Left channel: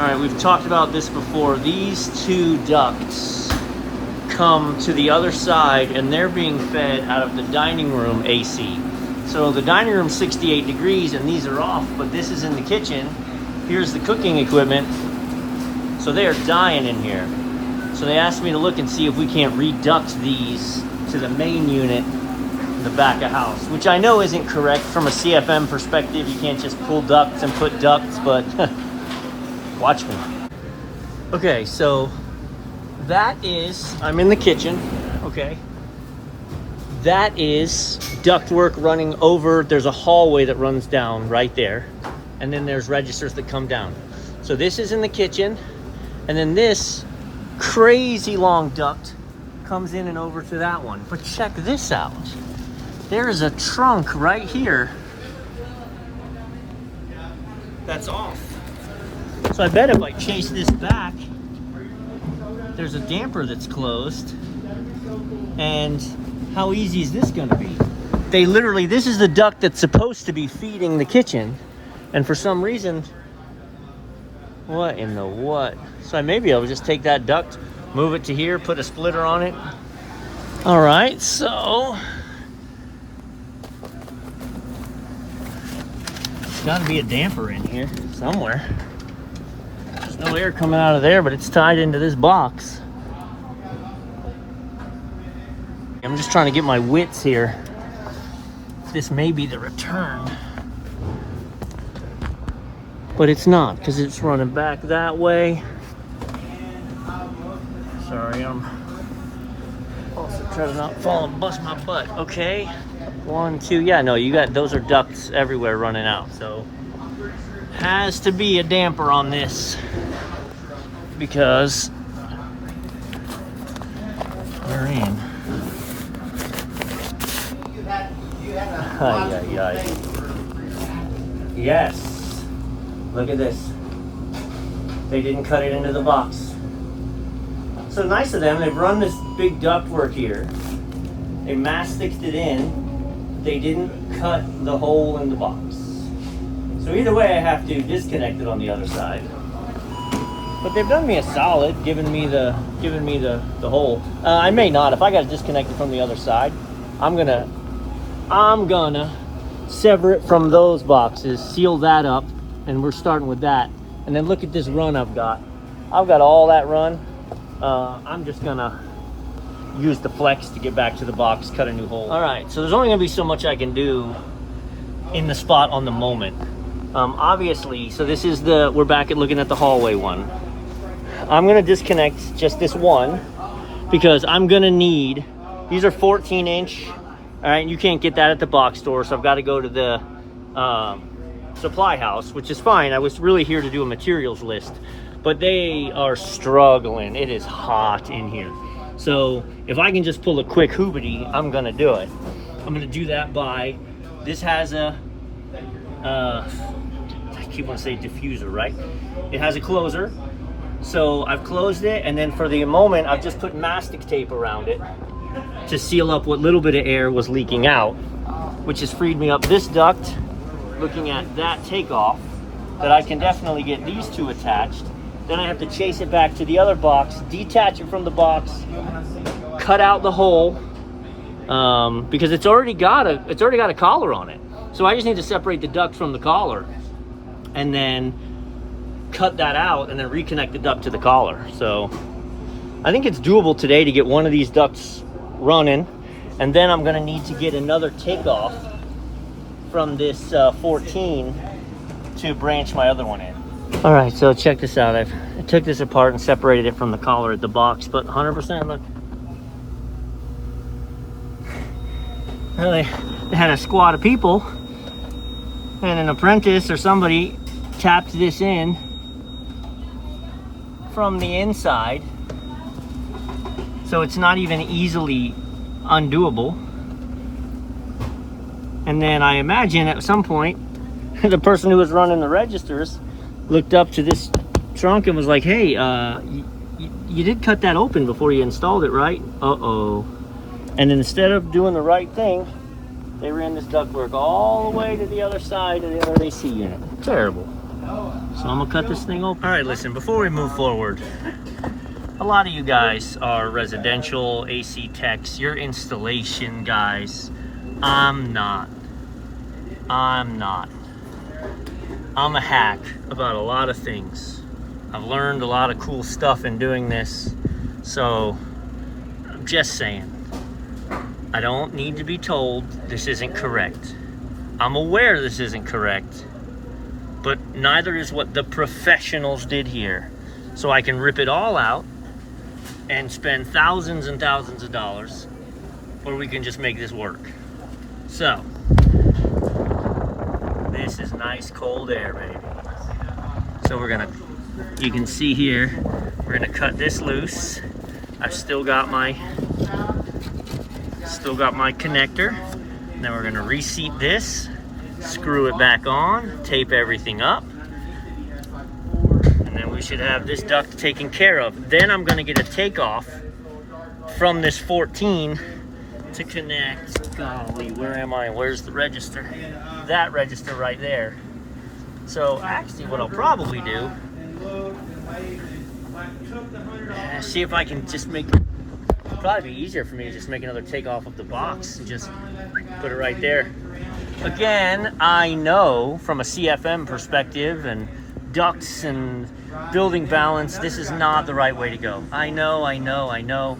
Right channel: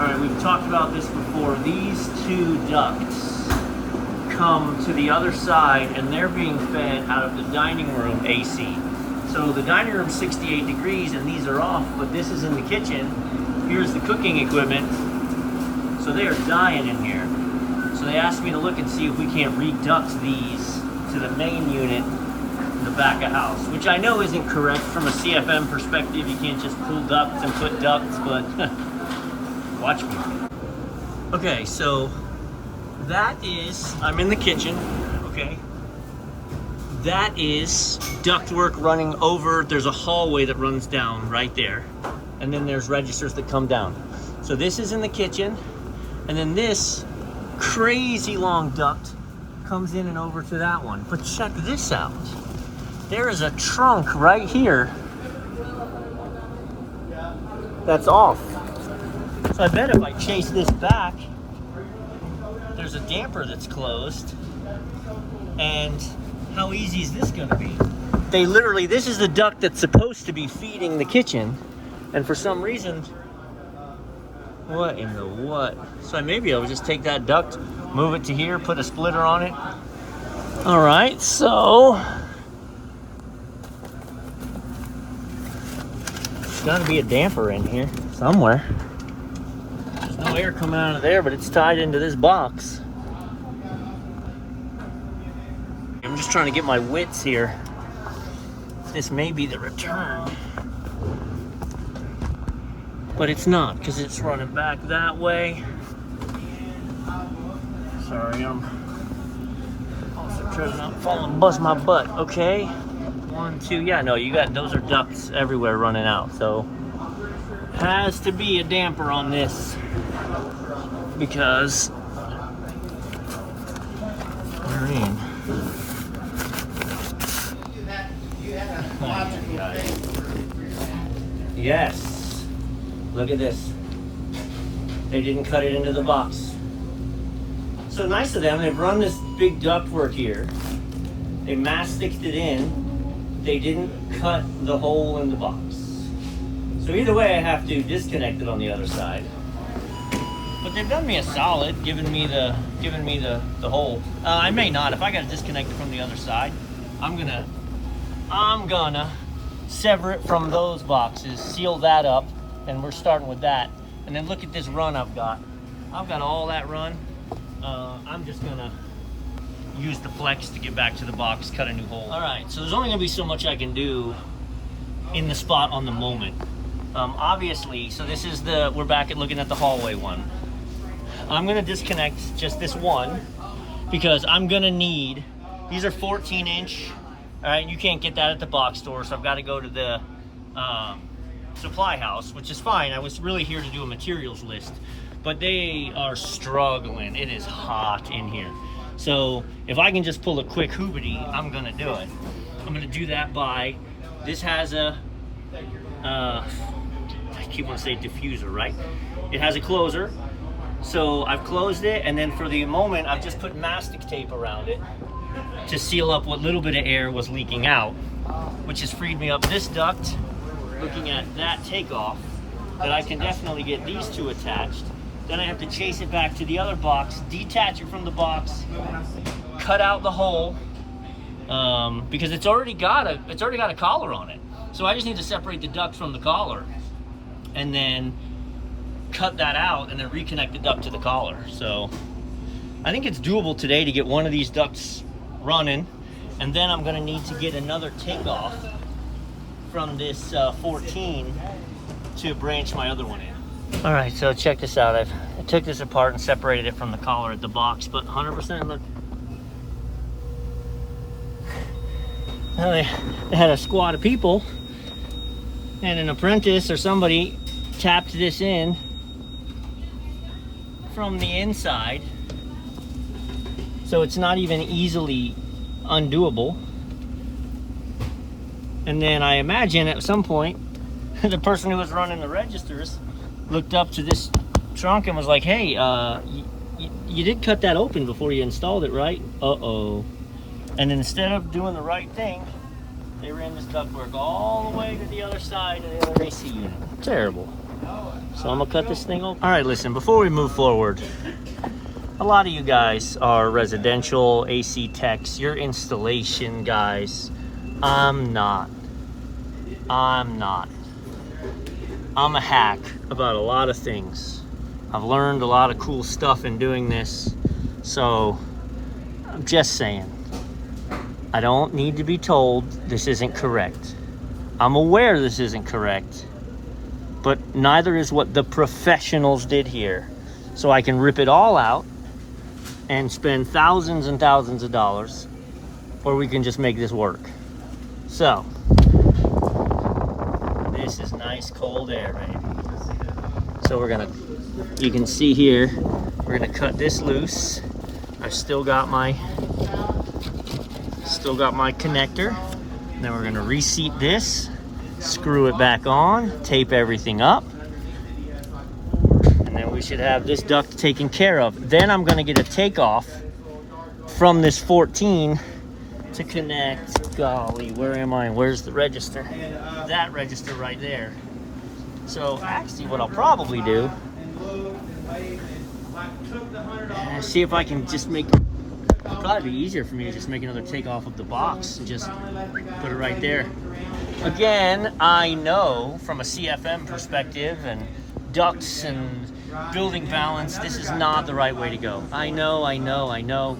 All right, we've talked about this before. These two ducts come to the other side and they're being fed out of the dining room AC. So the dining room's 68 degrees and these are off, but this is in the kitchen. Here's the cooking equipment. So they are dying in here. So they asked me to look and see if we can't reduct these to the main unit in the back of house, which I know isn't correct from a CFM perspective. You can't just pull ducts and put ducts, but watch me. Okay, so that is, I'm in the kitchen, okay. That is ductwork running over. There's a hallway that runs down right there. And then there's registers that come down. So this is in the kitchen. And then this crazy long duct comes in and over to that one. But check this out. There is a trunk right here that's off. So I bet if I chase this back, there's a damper that's closed. And how easy is this gonna be? They literally, this is the duct that's supposed to be feeding the kitchen. And for some reason, what in the what? So maybe I'll just take that duct, move it to here, put a splitter on it. All right, so there's gotta be a damper in here somewhere. There's no air coming out of there, but it's tied into this box. I'm just trying to get my wits here. This may be the return. But it's not, because it's running back that way. Sorry, I'm also trying to not fall and bust my butt. Okay, 1, 2, yeah, no, you got, those are ducts everywhere running out. So, has to be a damper on this, because we're in. Yes, look at this. They didn't cut it into the box. So nice of them. They've run this big ductwork here. They masticed it in. They didn't cut the hole in the box. So either way, I have to disconnect it on the other side. But they've done me a solid, giving me the hole. I may not. If I got to disconnect it from the other side, I'm gonna sever it from those boxes, seal that up, and we're starting with that. And then look at this run I've got. I've got all that run. I'm just gonna use the flex to get back to the box, cut a new hole. All right, so there's only gonna be so much I can do in the spot on the moment. Obviously, so this is we're back at looking at the hallway one. I'm gonna disconnect just this one because I'm gonna need, these are 14 inch. All right, you can't get that at the box store, so I've got to go to the supply house, which is fine. I was really here to do a materials list, but they are struggling. It is hot in here. So if I can just pull a quick hoobity, I'm gonna do it. I'm gonna do that by, this has a, I keep wanting to say diffuser, right? It has a closer. So I've closed it, and then for the moment, I've just put mastic tape around it to seal up what little bit of air was leaking out, which has freed me up this duct, looking at that takeoff, that I can definitely get these two attached. Then I have to chase it back to the other box, detach it from the box, cut out the hole, because it's already got a collar on it. So I just need to separate the duct from the collar and then cut that out and then reconnect the duct to the collar. So I think it's doable today to get one of these ducts running, and then I'm gonna need to get another takeoff from this 14 to branch my other one in. All right, so check this out. I took this apart and separated it from the collar at the box, but 100%, look. Well, they had a squad of people, and an apprentice or somebody tapped this in from the inside. So it's not even easily undoable. And then I imagine at some point, the person who was running the registers looked up to this trunk and was like, hey, you did cut that open before you installed it, right? Uh-oh. And instead of doing the right thing, they ran this ductwork all the way to the other side of the other AC unit. Terrible. So I'm gonna cut this thing open. All right, listen, before we move forward, a lot of you guys are residential AC techs. You're installation guys. I'm not. I'm a hack about a lot of things. I've learned a lot of cool stuff in doing this. So I'm just saying, I don't need to be told this isn't correct. I'm aware this isn't correct, but neither is what the professionals did here. So I can rip it all out and spend thousands and thousands of dollars, or we can just make this work. So, this is nice cold air, baby. So you can see here, we're gonna cut this loose. I've still got my connector. Then we're gonna reseat this, screw it back on, tape everything up, and then we should have this duct taken care of. Then I'm gonna get a takeoff from this 14 to connect, golly, where am I? Where's the register? That register right there. So actually what I'll probably do, see if I can just it'd probably be easier for me to just make another takeoff of the box and just put it right there. Again, I know from a CFM perspective and ducts and building balance, this is not the right way to go. I know.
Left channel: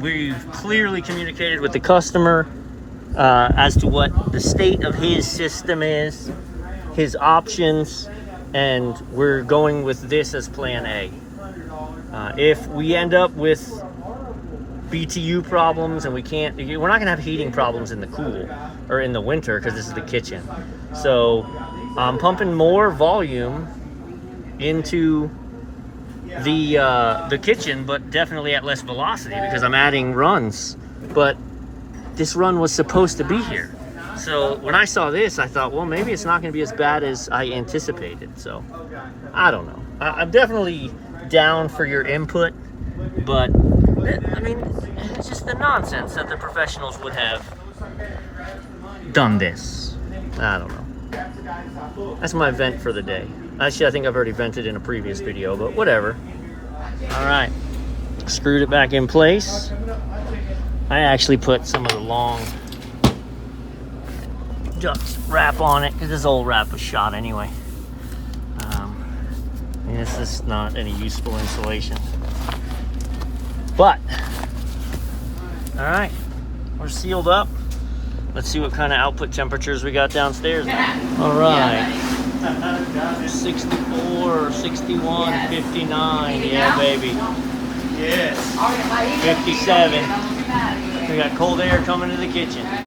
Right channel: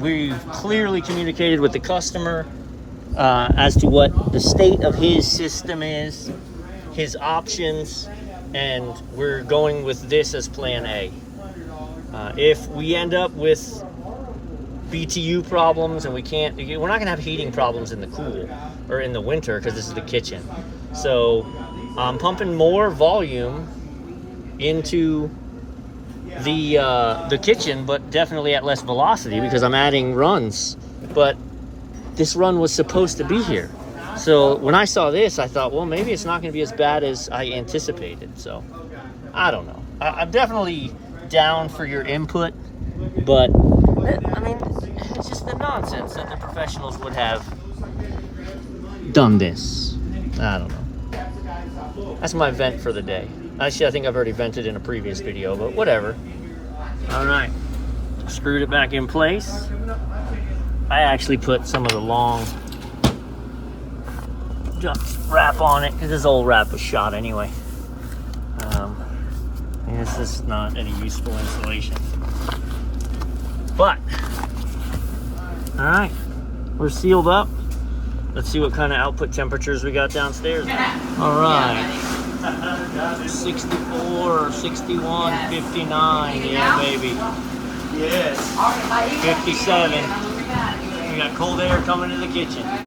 We've clearly communicated with the customer as to what the state of his system is, his options, and we're going with this as plan A. If we end up with BTU problems and we're not gonna have heating problems in the cool or in the winter because this is the kitchen. So I'm pumping more volume into the kitchen, but definitely at less velocity because I'm adding runs. But this run was supposed to be here. So when I saw this, I thought, well, maybe it's not gonna be as bad as I anticipated. So I don't know. I'm definitely down for your input, but I mean, it's just the nonsense that the professionals would have done this. I don't know. That's my vent for the day. Actually, I think I've already vented in a previous video, but whatever. All right, screwed it back in place. I actually put some of the long duct wrap on it because this old wrap was shot anyway. And this is not any useful insulation. But, all right, we're sealed up. Let's see what kind of output temperatures we got downstairs. All right, 64, 61, 59, yeah, baby. Yes, 57. We got cold air coming to the kitchen.